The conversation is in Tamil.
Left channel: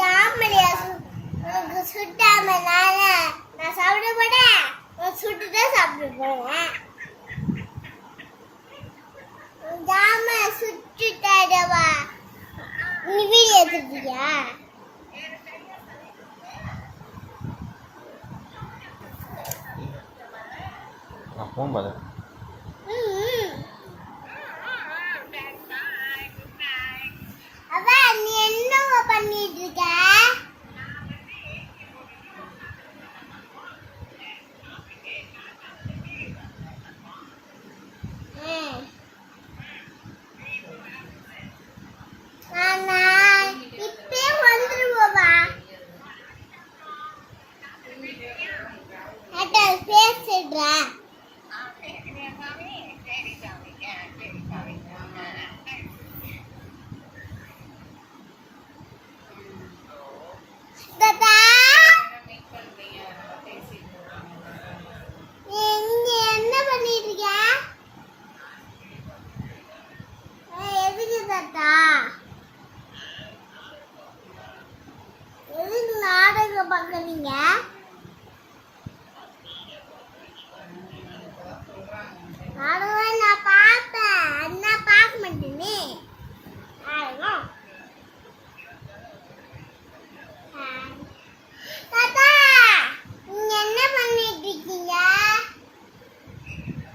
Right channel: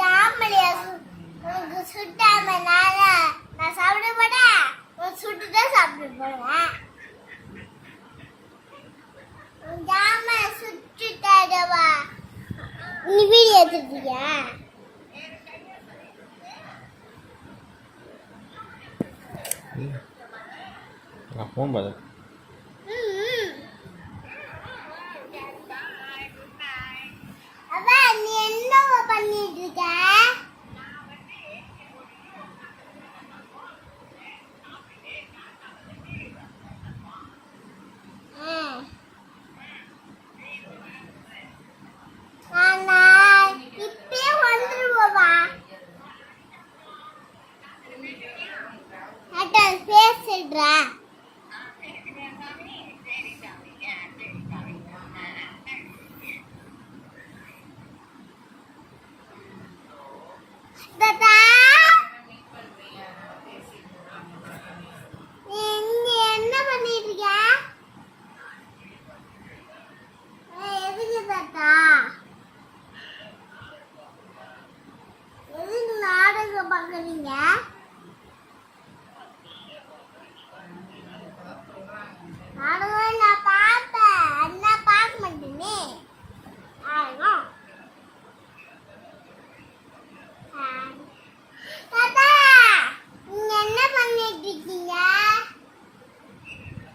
ஜாமலியா சுட்டாம நான் சாப்பிட போறேன். சுட்டுதான் சாப்பிட போறேன். ஜாம சுட்டுட்டாடவா நீ வீடியோ எடுத்துட்டியா? ஃபோன் பாரு. அவ நீ என்ன பண்ணிட்டு இருக்க? இப்பே வந்துருவா. அதான் பேசிடுறேன். என்ன பண்ணிட்டு இருக்க? எதுக்கு தாத்தா? எதுக்கு நாடகம் பார்க்குறீங்க? நாடகம்